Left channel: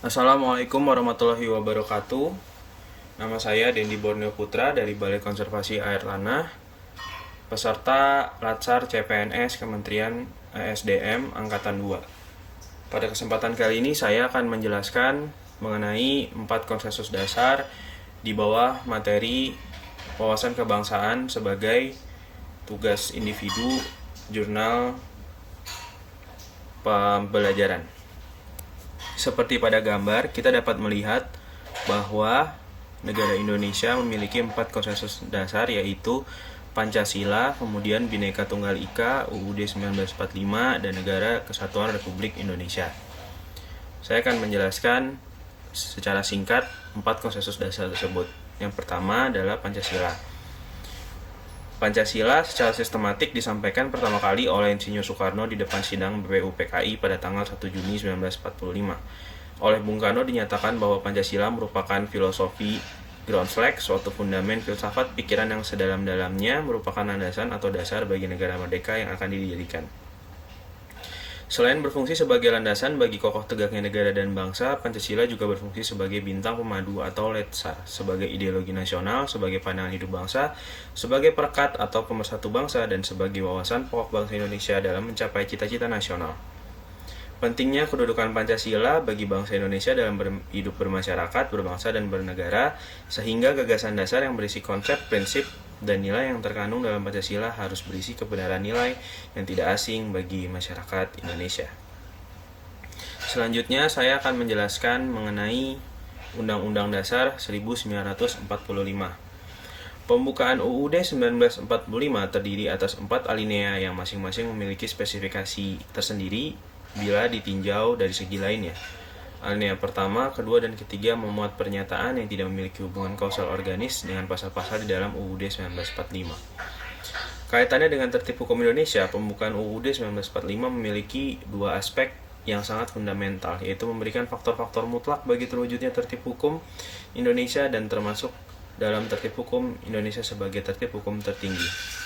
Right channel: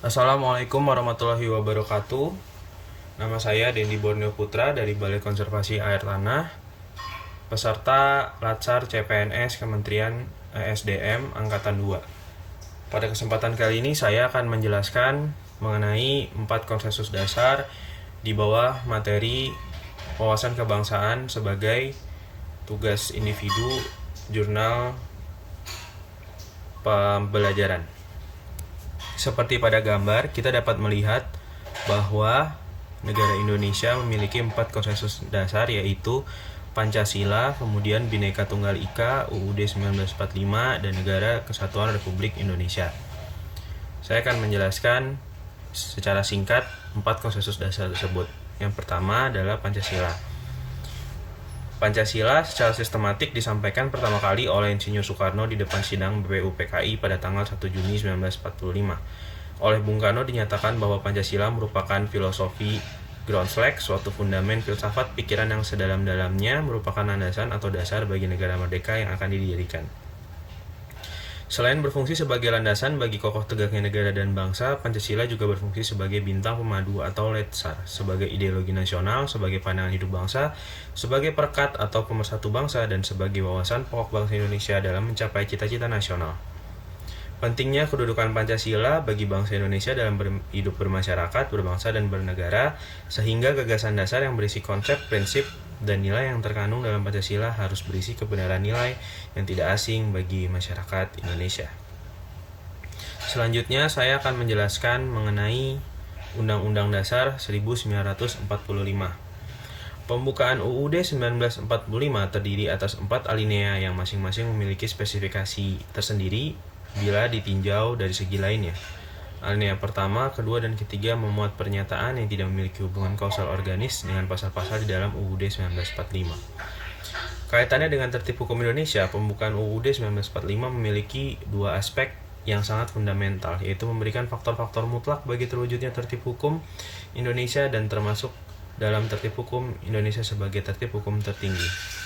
Assalamualaikum warahmatullahi wabarakatuh. Nama saya Dendi Borneo Putra dari Balai Konservasi Air Tanah, peserta Latsar CPNS Kementerian ESDM Angkatan 2. Pada kesempatan kali ini saya akan menjelaskan mengenai 4 konsensus dasar di bawah materi wawasan kebangsaan sebagai tugas individu jurnal pembelajaran. Seperti pada gambar, kita dapat melihat bahwa negara Indonesia memiliki 4 konsensus dasar, yaitu Pancasila, kemudian Bhinneka Tunggal Ika, UUD 1945, dan Negara Kesatuan Republik Indonesia. Saya akan menjelaskan secara singkat 4 konsensus dasar tersebut. Yang pertama adalah Pancasila. Pancasila secara sistematik disampaikan pertama kali oleh Insinyur Soekarno di depan sidang BPUPKI pada tanggal 1 Juni 1945. Oleh Bung Karno dinyatakan bahwa Pancasila merupakan filosofi ground flag, suatu fundamen filsafat pikiran yang sedalam-dalamnya merupakan landasan atau dasar bagi negara merdeka yang akan didirikan. Selain berfungsi sebagai landasan bagi kokoh tegaknya negara dan bangsa, Pancasila juga berfungsi sebagai bintang pemadu atau letsar, sebagai ideologi nasional, sebagai pandangan hidup bangsa, sebagai perekat atau pemersatu bangsa, dan sebagai wawasan pokok bangsa Indonesia dalam mencapai cita-cita nasional. Pentingnya kedudukan Pancasila bagi bangsa Indonesia dalam hidup bermasyarakat, berbangsa, dan bernegara, sehingga gagasan dasar yang berisi konsep, prinsip, dan nilai yang terkandung dalam Pancasila harus berisi kebenaran nilai yang tidak asing bagi masyarakat Indonesia. Selanjutnya saya akan menjelaskan mengenai Undang-Undang Dasar 1945. Pembukaan UUD 1945 terdiri atas 4 alinea yang masing-masing memiliki spesifikasi tersendiri bila ditinjau dari segi lainnya. Alinea pertama, kedua, dan ketiga memuat pernyataan yang tidak memiliki hubungan kausal organis dengan pasal-pasal di dalam UUD 1945. Kaitannya dengan tertib hukum Indonesia, pembukaan UUD 1945 memiliki 2 aspek yang sangat fundamental, yaitu memberikan faktor-faktor mutlak bagi terwujudnya tertib hukum Indonesia dan termasuk dalam tertib hukum Indonesia sebagai tertib hukum tertinggi.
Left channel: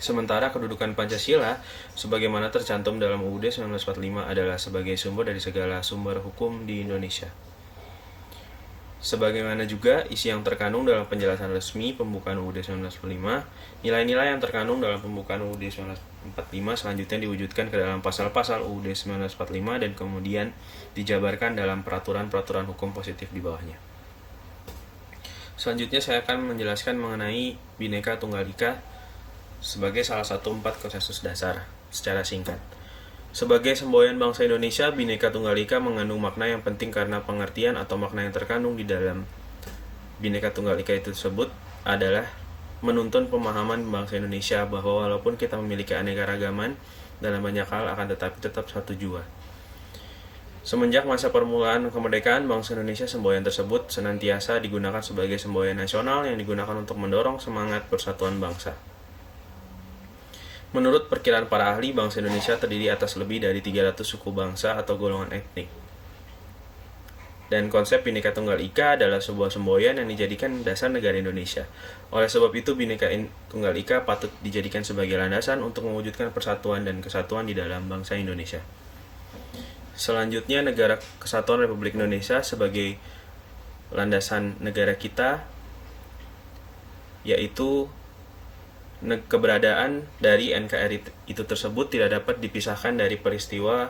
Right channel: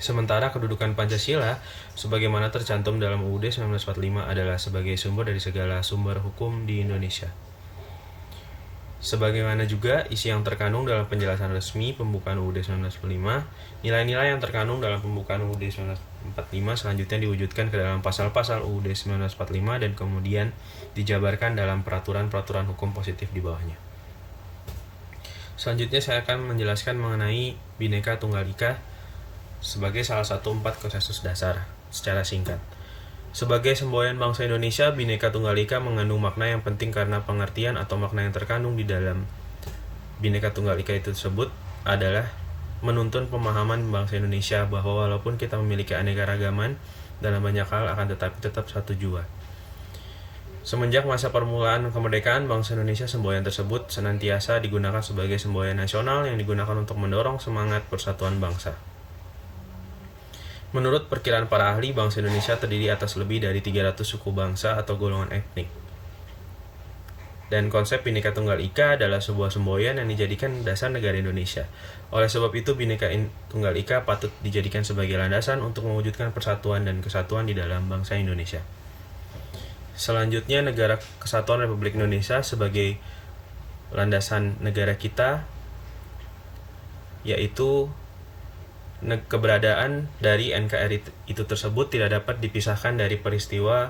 Sementara kedudukan Pancasila sebagaimana tercantum dalam UUD 1945 adalah sebagai sumber dari segala sumber hukum di Indonesia. Sebagaimana juga isi yang terkandung dalam penjelasan resmi pembukaan UUD 1945, nilai-nilai yang terkandung dalam pembukaan UUD 1945 selanjutnya diwujudkan ke dalam pasal-pasal UUD 1945 dan kemudian dijabarkan dalam peraturan-peraturan hukum positif di bawahnya. Selanjutnya saya akan menjelaskan mengenai Bhinneka Tunggal Ika sebagai salah satu 4 konsensus dasar secara singkat. Sebagai semboyan bangsa Indonesia, Bhinneka Tunggal Ika mengandung makna yang penting karena pengertian atau makna yang terkandung di dalam Bhinneka Tunggal Ika itu tersebut adalah menuntun pemahaman bangsa Indonesia bahwa walaupun kita memiliki aneka-ragaman dalam banyak hal akan tetapi tetap satu jua. Semenjak masa permulaan kemerdekaan, bangsa Indonesia semboyan tersebut senantiasa digunakan sebagai semboyan nasional yang digunakan untuk mendorong semangat persatuan bangsa. Menurut perkiraan para ahli, bangsa Indonesia terdiri atas lebih dari 300 suku bangsa atau golongan etnik. Dan konsep Bhinneka Tunggal Ika adalah sebuah semboyan yang dijadikan dasar negara Indonesia. Oleh sebab itu, Bhinneka Tunggal Ika patut dijadikan sebagai landasan untuk mewujudkan persatuan dan kesatuan di dalam bangsa Indonesia. Selanjutnya, Negara Kesatuan Republik Indonesia sebagai landasan negara kita, yaitu keberadaan dari NKRI itu tersebut tidak dapat dipisahkan dari peristiwa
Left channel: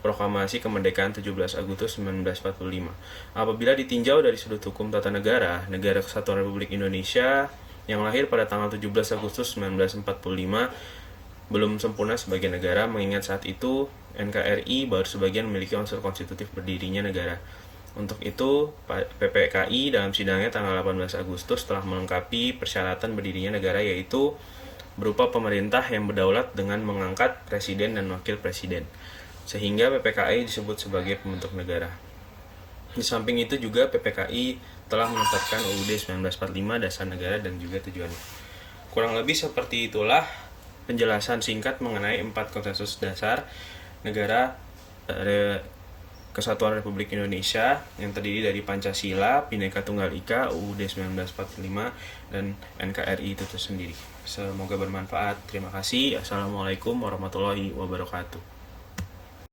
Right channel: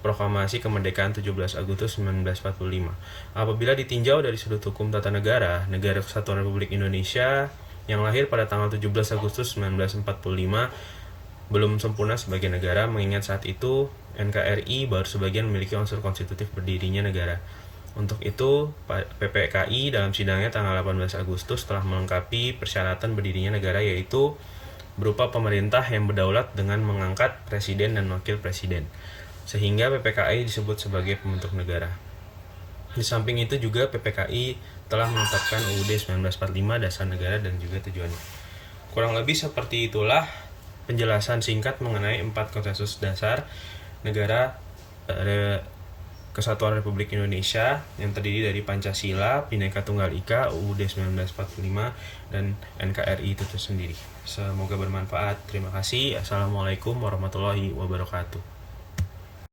proklamasi kemerdekaan 17 Agustus 1945. Apabila ditinjau dari sudut hukum tata negara, Negara Kesatuan Republik Indonesia yang lahir pada tanggal 17 Agustus 1945 belum sempurna sebagai negara, mengingat saat itu NKRI baru sebagian memiliki unsur konstitutif berdirinya negara. Untuk itu, PPKI dalam sidangnya tanggal 18 Agustus telah melengkapi persyaratan berdirinya negara, yaitu berupa pemerintah yang berdaulat dengan mengangkat presiden dan wakil presiden, sehingga PPKI disebut sebagai pembentuk negara. Di samping itu juga PPKI telah menetapkan UUD 1945 dasar negara dan juga tujuannya. Kurang lebih seperti itulah penjelasan singkat mengenai 4 konsensus dasar negara Kesatuan Republik Indonesia yang terdiri dari Pancasila, Bhinneka Tunggal Ika, UUD 1945, dan NKRI itu tersendiri. Semoga bermanfaat. Terima kasih. Assalamualaikum warahmatullahi wabarakatuh.